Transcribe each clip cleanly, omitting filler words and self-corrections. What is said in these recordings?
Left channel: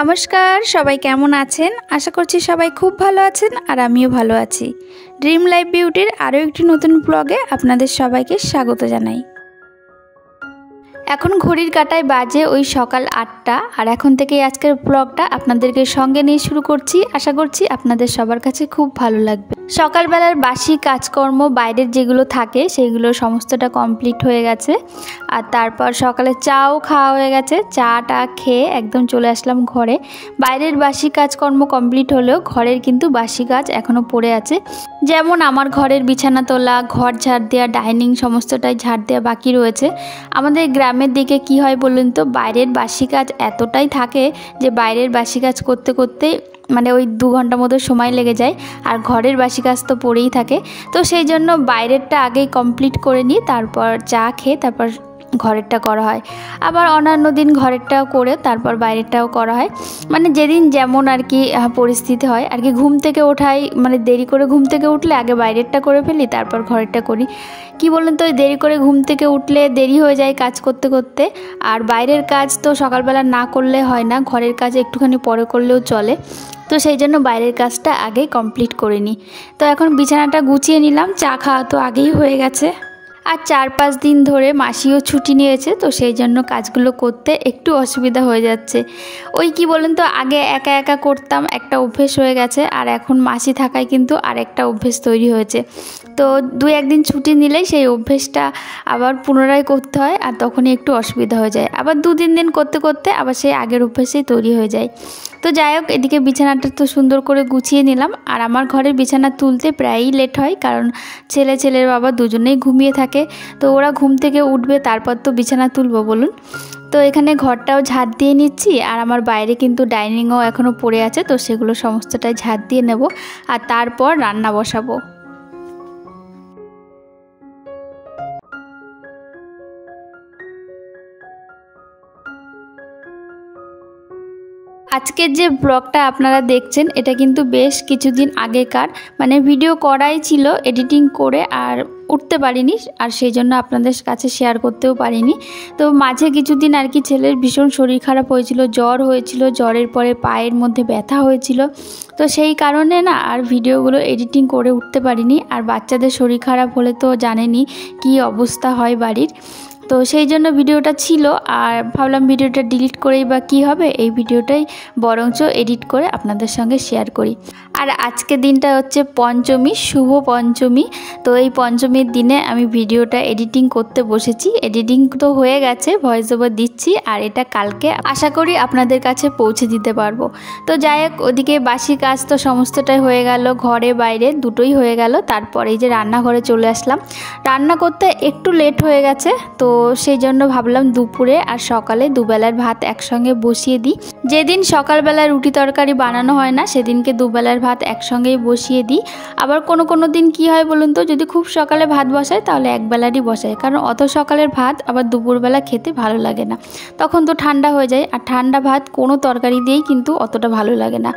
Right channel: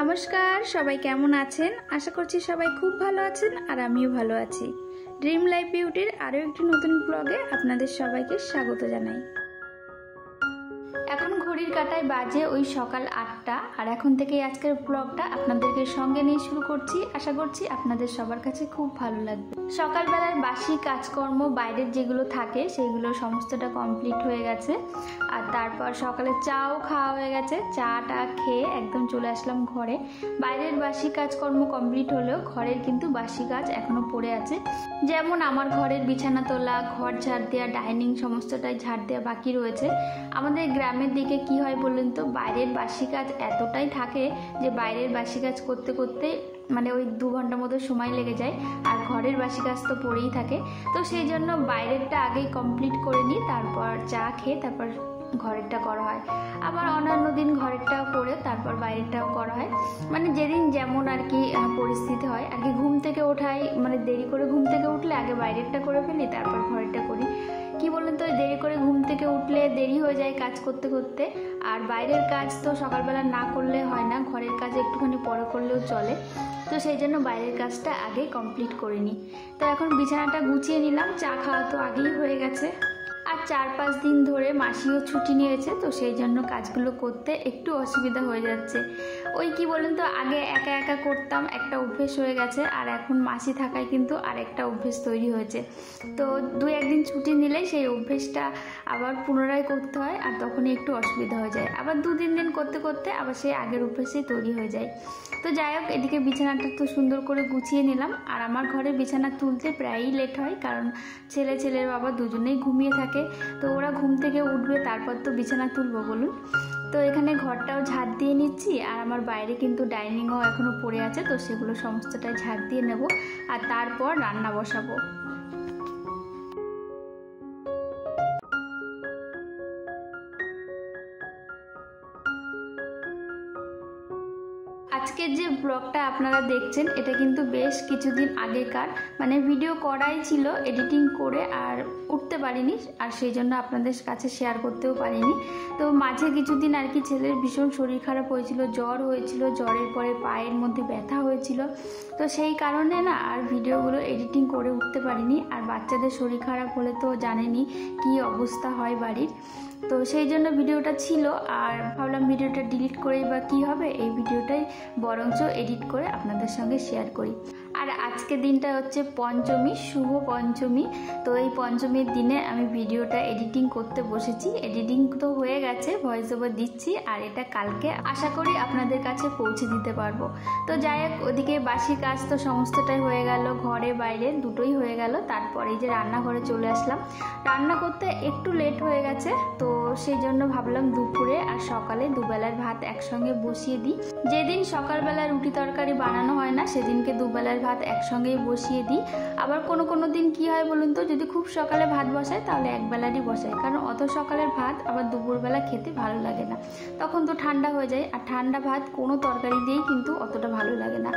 নমস্কার, সবাই কেমন আছেন? আশা করছি সবাই খুব ভালো আছেন আর আমিও ভালো আছি। ড্রিম লাইফ বিউটির আরও একটি নতুন ব্লগে আপনাদের সবাইকে স্বাগত জানাই। এখন ঘড়ির কাঁটায় বাজে ওই সকাল ৮টা, আর এখন থেকেই আজকের ব্লগটা আপনাদেরকে সঙ্গে নিয়ে শুরু করছি। আশা করছি আপনাদের সবার কাছে খুব ভালো লাগবে। সকালবেলার বাসি কাজকর্ম বাইরের যেগুলো থাকে সেইগুলো সমস্তটা কমপ্লিট হয়ে গেছে, আর তারপর সকালে চাও খাওয়া হয়ে গেছে। চাটা খেয়ে একদম চলে আসলাম ঘরে। বাইরের বাসি কাজকর্ম কমপ্লিট হলেও ঘরের কিন্তু বাসি কাজ এখনও পড়ে আছে। যেমন আমার ঘরের বিছানা তোলা, ঘর ঝাড় দেওয়া, ডাইনিং সমস্তটাই ঝাড় দেওয়া বাকি রয়েছে। আমাদের গ্রামের দিকে কি হয় বলুন তো, বাইরের বাসি কাজ এতটাই থাকে যে বাইরের বাসি কাজ করতে করতে মানে ওই 2 ঘন্টার মতো সময় লেগে যায়, আর ঘরের বাসি কাজ তো পড়েই থাকে। তো সেই জন্য বাইরেরটা আগেই কমপ্লিট করে নিই, তারপর চা খেয়ে তারপর ঘরেরটা করা হয়। আবার অন্যান্য দিন ঘরেরটাও করে তারপর বাইরেরটাও করা হয়, মানে যেদিন যেমন আর কি পরিস্থিতি হয় আর কি। ঘুম থেকে ওঠাই মানে দেরি করে ঘুম থেকে উঠলে আগে বাইরেরটা করে ফেলি, তারপর ঘরেরটা করি। কি বলেন তো, দেরি করে ঘুম থেকে উঠলে দেরি হয়ে যায় কাজ করতে করতে, আর বাইরের কাজ তো সকালবেলা না করলে হয় না, ঘরের কাজ একটুখানি পরে করলেও চলে। তো সেই জন্য বাইরের কাজটা আগেই কমপ্লিট করে নিই। তো এখন বিছানাটা গুছিয়ে নিলাম, চা খাওয়া তো আগেই হয়ে গেছে। আর 4-5 দিন ধরে মাসিও ছুটি নিয়েছে, তো সেই জন্য কাজগুলো করতে একটু অসুবিধা হয়ে যাচ্ছে। ওই কি বলেন তো, আগে একা একা করতাম, একটা অভ্যেস হয়ে গেছে, আর এখন মাসি থাকায় কিন্তু আরেকটা অভ্যেস তৈরি হয়েছে। তো 2-1 দিন ছুটি নিলেই সেই অভ্যেসটা আবার পুনরায় করতে হয়, আর তখনই একটু অসুবিধা হয়ে যায়। আবার 2-3 দিন করতে করতে আবার সেই আগের অভ্যেসেই তৈরি হয়ে যায়। তো যাই হোক, এদিকে বিছানাটা তো সুন্দর করে গুছিয়ে নিলাম। আর আমার ঘরের বিছানা তুলতে প্রায়ই লেট হয়, কারণ ছেলের বাবা দুজনেই ঘুমিয়ে থাকে। তো ওরা ঘুম থেকে উঠবে, তারপর তো বিছানা তুলবো বলুন। তো এখানে ঘরটাও ঝাড় দিয়ে নিচ্ছি, আর আমার বাইরে কিন্তু ডাইনিংও এখনও পড়ে আছে, তো সেগুলো সমস্তটাই ঝাড় দিয়ে নেব, আর তারপর রান্না বসাবো। আজকের যে ব্লগটা আপনারা দেখছেন এটা কিন্তু বেশ কিছুদিন আগেকার, মানে ভিডিও করাই ছিল, এডিটিং করে আর উঠতে পারিনি, আর সেই জন্য আপনাদের কাছে শেয়ার করতেও পারিনি। তো মাঝে কিছুদিন আর কি ছেলের ভীষণ শরীর খারাপ হয়েছিল, জ্বর হয়েছিল, জ্বরের পরে পায়ের মধ্যে ব্যথা হয়েছিল। তো সেই কারণে না আর ভিডিওগুলো এডিটিং করে উঠতে পারিনি। আর বাচ্চাদের শরীর খারাপ হলে তো জানেনই কী অবস্থা হয় বাড়ির। তো সেই জন্য ভিডিওটা ছিল, আর ভাবলাম ভিডিওটা ডিলিট করেই বা কী হবে, এই ভিডিওটাই বরঞ্চ এডিট করে আপনাদের সঙ্গে শেয়ার করি। আর আজকে দিনটা হচ্ছে পঞ্চমী, শুভ পঞ্চমী। তো এই পঞ্চমীর দিনে আমি ভিডিওটা এডিটিং করতে বসেছি। এডিটিং তো হয়ে গেছে, ভয়েস ওভার দিচ্ছি, আর এটা কালকে আশা করি আপনাদের কাছে পৌঁছে দিতে পারবো। তো যাই হোক, ওদিকে বাসি কাজ তো সমস্তটাই হয়ে গেল, ঘরে বাইরে দুটোই হয়ে গেল। তারপরে এই যে রান্নাঘরে চলে আসলাম। রান্না করতে একটু লেট হয়ে গেছে, তো সেই জন্য ভাবলাম দুপুরে আর সকালে দুবেলার ভাত একসঙ্গে বসিয়ে দিই। যেদিন সকালবেলা রুটি তরকারি বানানো হয় না সেদিনকে দুবেলার ভাত একসঙ্গেই বসিয়ে দিই। আবার কোনো দিন কি হয় বলুন তো, যদি খুব সকালে ভাত বসাই তাহলে একবেলারই বসাই, কারণ অত সকালের ভাত আবার দুপুরবেলা খেতে ভালো লাগে না, তখন তো ঠান্ডা হয়ে যায়। আর ঠান্ডা ভাত কোনো তরকারি দিয়েই কিন্তু অতটা ভালো লাগে না।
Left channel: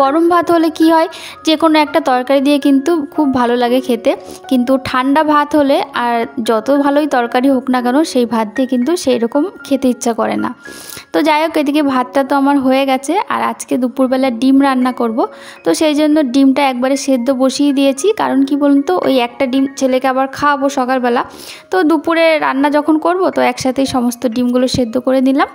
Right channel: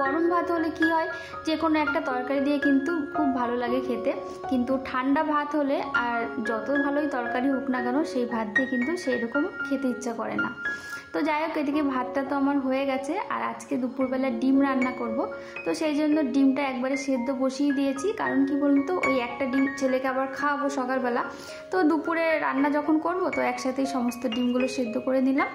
গরম ভাত হলে কি হয়, যে কোনো একটা তরকারি দিয়ে কিন্তু খুব ভালো লাগে খেতে, কিন্তু ঠান্ডা ভাত হলে আর যত ভালোই তরকারি হোক না কেন সেই ভাত দিয়ে কিন্তু সেই রকম খেতে ইচ্ছা করে না। তো যাই হোক, এদিকে ভাতটা তো আমার হয়ে গেছে, আর আজকে দুপুরবেলা ডিম রান্না করব। তো সেই জন্য ডিমটা একবারে সেদ্ধ বসিয়ে দিয়েছি, কারণ কি বলুন তো, ওই একটা ডিম ছেলেকে আবার খাওয়াবো সকালবেলা, তো দুপুরে রান্না যখন করব তো একসাথেই সমস্ত ডিমগুলো সেদ্ধ করে নিলাম।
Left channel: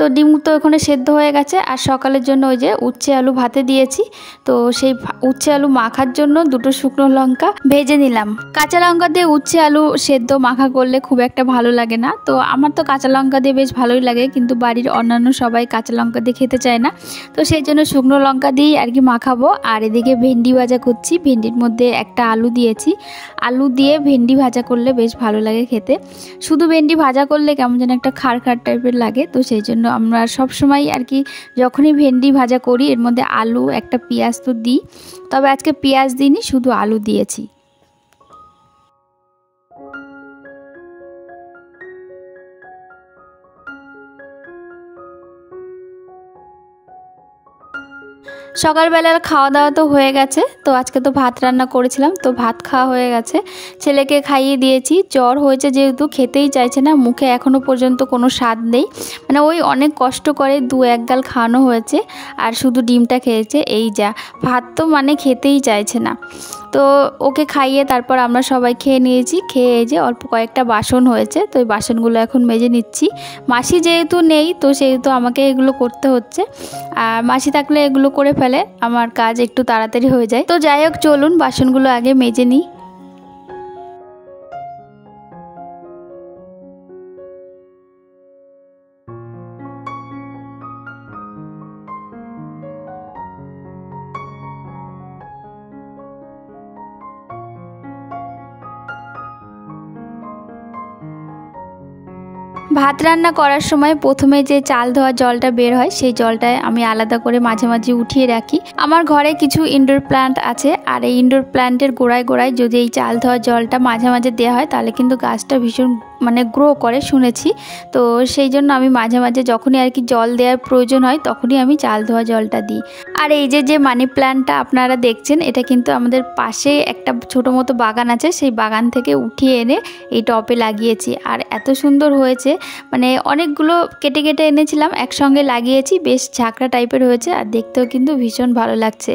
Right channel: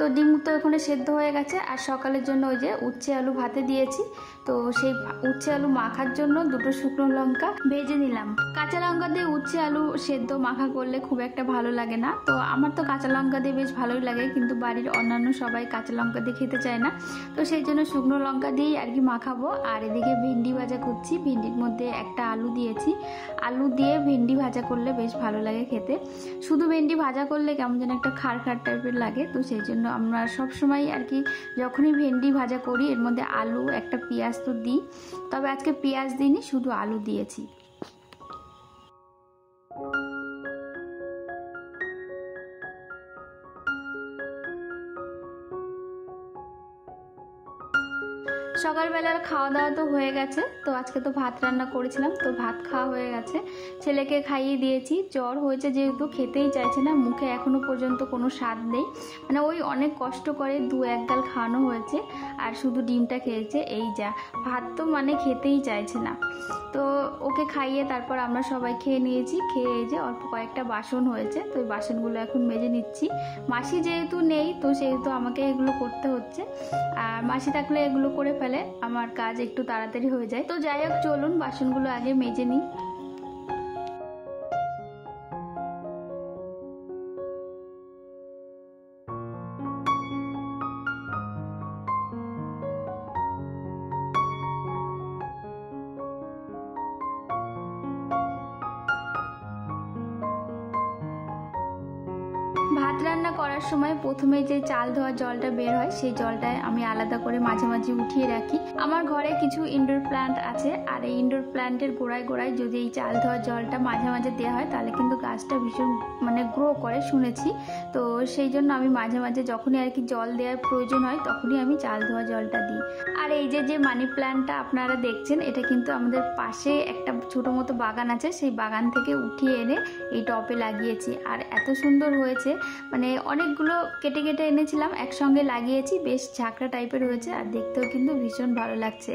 তো ডিম তো ওখানে সেদ্ধ হয়ে গেছে। আর সকালের জন্য ওই যে উচ্ছে আলু ভাতে দিয়েছি, তো সেই উচ্ছে আলু মাখার জন্য 2টো শুকনো লঙ্কা ভেজে নিলাম। কাঁচা লঙ্কা দিয়ে উচ্ছে আলু সেদ্ধ মাখা করলে খুব একটা ভালো লাগে না, তো আমার তো কাঁচা লঙ্কা দিয়ে বেশ ভালোই লাগে, কিন্তু বাড়ির অন্যান্য সবাই কাঁচা লঙ্কা দিয়ে খেতে চায় না, তো সেই জন্য শুকনো লঙ্কা দিয়েই আর কি মাখাবো। আর এদিকে ভেন্ডি ভাজা করছি, ভেন্ডির মধ্যে একটা আলু দিয়েছি। আলু দিয়ে ভেন্ডি ভাজা করলে বেশ ভালো লাগে খেতে। শুধু ভেন্ডি ভাজা করলে কেমন যেন একটা খাড় টাইপের লাগে, তো সেই জন্য আমরা সব সময় আর কি যখনই ভেন্ডি ভাজা করি এর মধ্যে আলু একটা পেঁয়াজ তো দিই, তবে আজকে পেঁয়াজ দিইনি, শুধু আলু দিয়েছি। সকালবেলার খাওয়া দাওয়া তো হয়ে গেছে। তো আজকে তো ভাত রান্না করেছিলাম, তো ভাত খাওয়া হয়ে গেছে, ছেলেকে খাইয়ে দিয়েছি। জ্বর হয়েছে যেহেতু খেতেই চাইছে না, মুখে এখনও পর্যন্ত কোনো স্বাদ নেই, মানে ওই অনেক কষ্ট করে 2-1 গাল খাওয়ানো হয়েছে আর শুধু ডিমটা খেয়েছে, এই যা। ভাত তো মানে খেতেই চাইছে না। তো ওকে খাইয়ে তারপর আমরা সবাই খেয়ে নিয়েছি। খেয়ে এই যে অল্প কয়েকটা বাসন হয়েছে, তো এই বাসনগুলো এখন মেজে নিচ্ছি। মাসি যেহেতু নেই তো সেহেতু আমাকে এগুলো করতে হচ্ছে, আর মাসি থাকলে এগুলো করে ফেলে, আমার কাজ একটু তাড়াতাড়ি হয়ে যায়। তো যাই হোক, চলুন বাসনগুলো আগে মেজে নিই। ভাত রান্না করার সময় প্রথমে যে চাল ধোয়া জলটা বের হয় সেই জলটায় আমি আলাদা করে মাঝে মাঝে উঠিয়ে রাখি। আমার ঘরে কিছু ইনডোর প্ল্যান্ট আছে, আর এই ইনডোর প্ল্যান্টের গোড়ায় গোড়ায় যদি এই চাল ধোয়া জলটা মাঝে মাঝে দেওয়া হয় তাহলে কিন্তু গাছটা ভীষণ মানে গ্রো করে শুনেছি। তো সেই জন্য আমি মাঝে মাঝে যখনই আর কি জল দেওয়ার প্রয়োজন হয় তখনই আমি চাল ধোয়া জলটা দিই। আর এই যে মানি প্ল্যান্টটা আপনারা দেখছেন, এটা কিন্তু আমাদের পাশে একটা ছোটো মতো বাগান আছে, সেই বাগান থেকে উঠিয়ে এনে এই টবে লাগিয়েছি। আর এত সুন্দর হয়েছে, মানে অনেকগুলো কেটে কেটে এনেছিলাম, একসঙ্গে লাগিয়েছি, বেশ ঝাঁকড়া টাইপের হয়েছে আর দেখতেও কিন্তু ভীষণ ভালো লাগছে।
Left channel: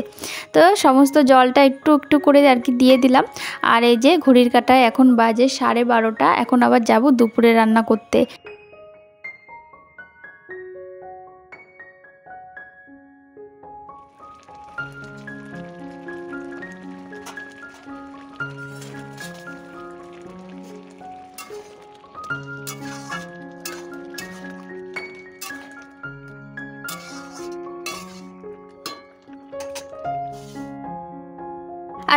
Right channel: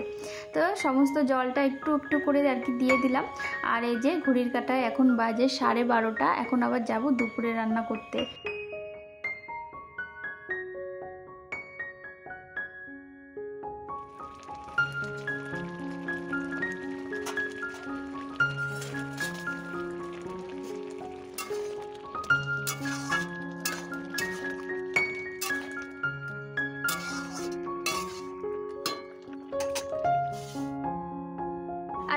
তো সমস্ত জলটা একটু একটু করে আর কি দিয়ে দিলাম। আর এই যে ঘড়ির কাঁটায় এখন বাজে 12:30, এখন আবার যাব দুপুরে রান্না করতে।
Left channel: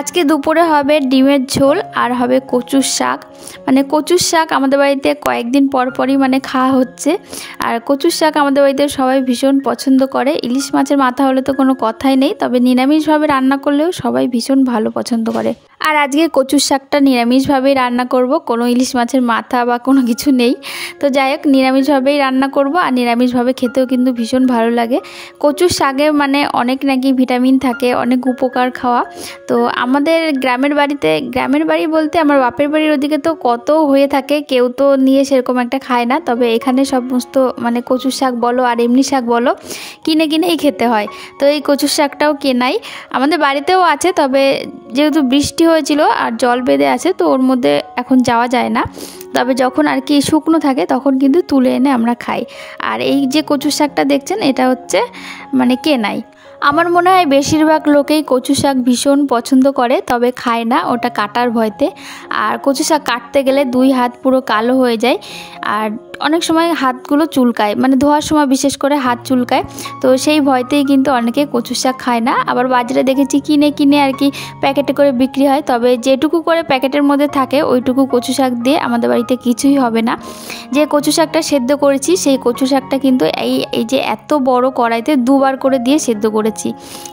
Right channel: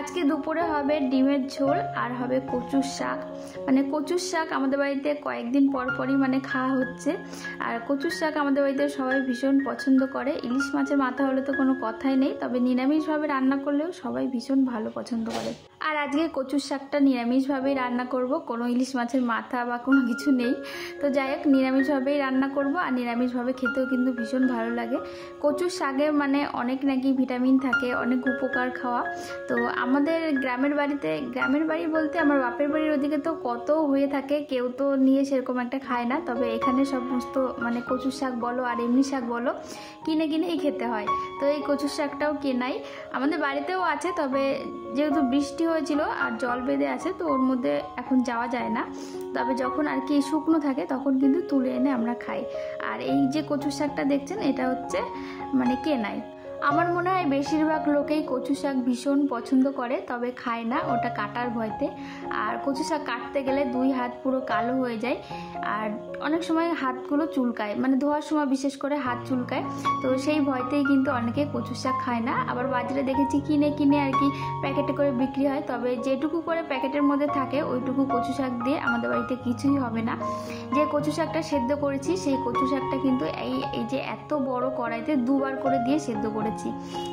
আজকে দুপুরে হবে ডিমের ঝোল আর হবে কচুর শাক। মানে কচুর শাক আমাদের বাড়িতে কয়েকদিন পর পরই মানে খাওয়া হচ্ছে, আর কচুর শাক আমাদের বাড়িতে সবাই ভীষণ পছন্দ করে। ইলিশ মাছের মাথা হলে তো কোনো কথাই নেই, তবে নিরামিষভাবে রান্না করলেও সবাই ভীষণ ভালো পছন্দ করে। আর আজকে কচুর শাকটা নিরামিষভাবেই রান্না করব, কোনো ইলিশ মাছের মাথা বা কোনো কিছু নেই। তো যাই হোক, নিরামিষভাবেই রান্না করব, আর নিরামিষভাবে খেতেও কিন্তু ভীষণ ভালো লাগে। কচুর শাকে মানে অনেক নাকি ভিটামিন থাকে, অনেক উপকার খাওয়া। তো আমাদের গ্রামের বাড়ি বলতে আমার বাপের বাড়ির ওদিকে তো কত হয়ে থাকে, কেউ তো নিয়ে সেরকম একটা খায় না, তবে এখানে সমস্ত মানে কচুর শাক বলো আর এমনি শাক বলো কিনেই খেতে হয়। তো এই কচুর শাকটাও কেনাই, আমাদের বাড়িতেও আছে, তবে যেহেতু বৃষ্টি হয়েছিল আর জল বেঁধে আছে তো ওর মধ্যে এখন যাওয়া যায় না, তবে যখন আর কি শুকনো থাকে তখন কিন্তু তুলে এনে আমরা খাই। আর এই যে কচুর শাকটা দেখছেন এটা হচ্ছে মানে কেনাই। আমার মনে হয় বেশিরভাগ লোকেই কচু শাক ভীষণ পছন্দ করে, তবে খায় না ওটা কাটার ভয়তে। আর কচু শাক কাটতে গেলে 2 হাত পুরো কালো হয়ে যায়, আর অনেক সময় হাতগুলো চুলকায়, মানে ধোয়ার সময় বিশেষ করে হাত চুলকায়। তো সেই ভয়তেই কিন্তু অনেকে কচু শাক খায় না। আবার বাজারে দেখেছি কিনে আর কি প্যাকেটে করে বিক্রি হয়, তবে যেটুকু করে প্যাকেটের মধ্যে থাকে ওইটুকু কচু শাক দিয়ে আমাদের বাড়িতে কিছুই হবে না। যে কচু শাকটা সেদ্ধ করেছি সেই কচু শাকটা কিন্তু এই যে এত বড় কড়াইতে 2 বার করে দিয়ে সেদ্ধ করেছি।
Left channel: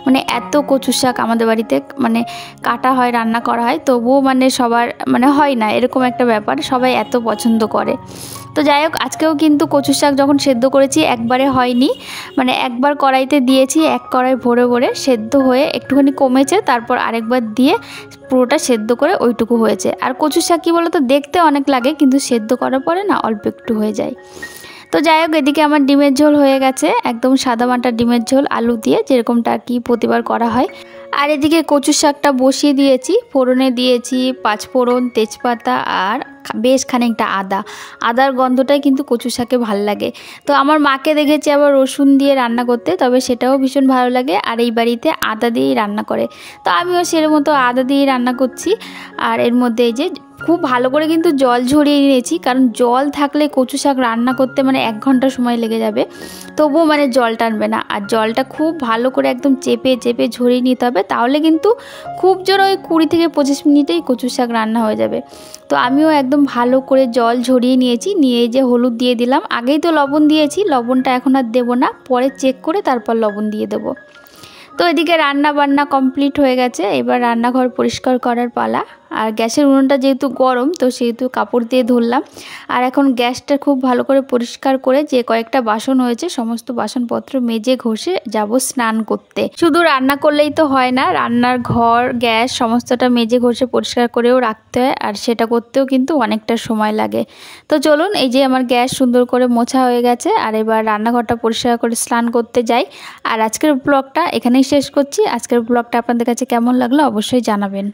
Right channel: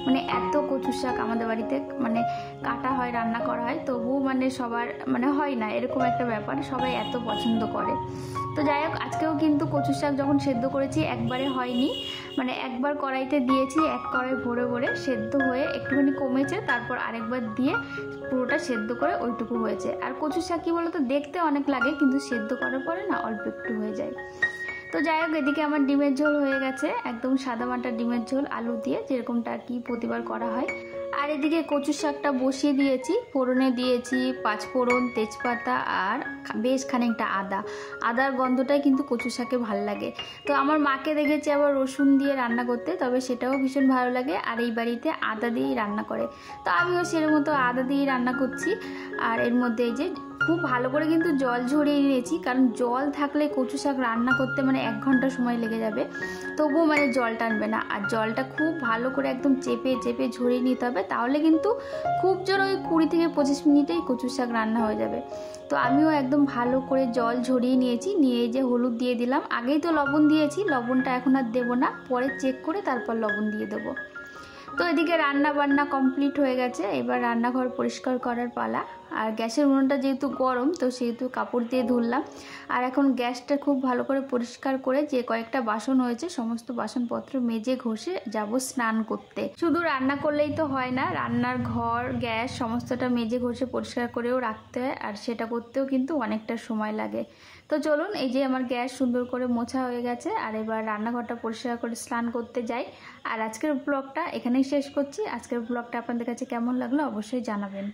মানে এত কচু শাক আমাদের বাড়িতে মানে কাটা হয়, রান্না করা হয়, তবুও মানে সবার মানে হয় না, এরকম একটা ব্যাপার, সবাই এত পছন্দ করে। তো যাই হোক, আজকেও কিন্তু কচু শাক যখন সেদ্ধ করেছি একবারে হয়নি, মানে একবার কড়াইতে দিয়েছি, এক কড়াই ভরে ভরে সেদ্ধ হয়ে একটুখানি কমেছে, তারপর আরেকবার দিয়ে পুরোটা সেদ্ধ করে ওইটুকু হয়েছে। আর কচু শাক কী বলো তো, দেখতে অনেক লাগে কিন্তু সেদ্ধ করার পরে না অল্প একটু হয়ে যায়। তো যাই হোক, এদিকে আমার ডিমের ঝোল হয়ে গেছে, একদম সাদামাটা ডিমের ঝোল আলু দিয়ে, যেরকমটা আর কি প্রতিবার করা হয়। আর এদিকে কচু শাকটা বসিয়ে দিয়েছি, ফোড়নে দিয়েছি 5 ফোড়ন, তেজপাতা আর বেশ খানিকটা আদার গন্ধটাই কিন্তু কচু শাকে ভালো লাগে। তো আমার মাকে দেখেছি আবার রসুন দিয়ে রান্না করতে, তবে সেটাও ভীষণ ভালো লাগে, আর এই বাড়িতে আদা দিয়েই রান্না করে। তো আমিও সেরকম মতো আদা দিয়েই রান্না করছি। আর এর মধ্যে এই যে খুব ভালো করে কিন্তু জল ঝরিয়ে নিয়েছি, কারণ জল থাকলে কচু শাক রান্না করতে মানে 1 ঘন্টা সময় লেগে যাবে, তবুও মানে জল টানবে না। আর জলটা খুব ভালো করে একদম চেপে ঝরিয়ে নিতে হবে, তাহলে কিন্তু খুব জোর ওই 20 থেকে 25 মিনিটেই কচু শাক রান্না হয়ে যাবে। তো আমিও একদম ভালো করে জল ঝরিয়ে নিয়েছি, নিয়ে যে হলুদ দিয়ে দিলাম, আগেই তো লবণ দিয়েছি, লবণটা এখন আর দেবো না, পরে চেক করে তারপর লবণ দিয়ে দেবো। তো এদিকে রান্না বান্না কমপ্লিট হয়ে গেছে, এবার রান্নাঘর পরিষ্কার করার পালা। আর গ্যাসের উনুনটা যেহেতু গরম তো সেহেতু কাপড় দিয়ে ধরলাম। আর এখন গ্যাসটা খুব ভালো করে পরিষ্কার করে যে কয়েকটা বাসন হয়েছে সমস্ত বাসনপত্র মেজে ঘষে যাব স্নান করতে। শুধু রান্না করলেই তো হয় না, রান্নার ঘর গ্যাস সমস্তটা মেজে ঘষে পরিষ্কার করেও রাখতে হয়, আর সেটা করতেও কিন্তু অনেকটা সময় লাগে। তো চলুন, এই যে আমার গ্যাস সুন্দর করে মোছা হয়ে গেছে, আর এবার রান্নাঘরটা পরিষ্কার করে স্নান করতে যাই। আর আজকের ব্লগটা এখানেই শেষ করছি। আজকের ব্লগটা আপনাদের কাছে কেমন লাগলো অবশ্যই জানাবেন।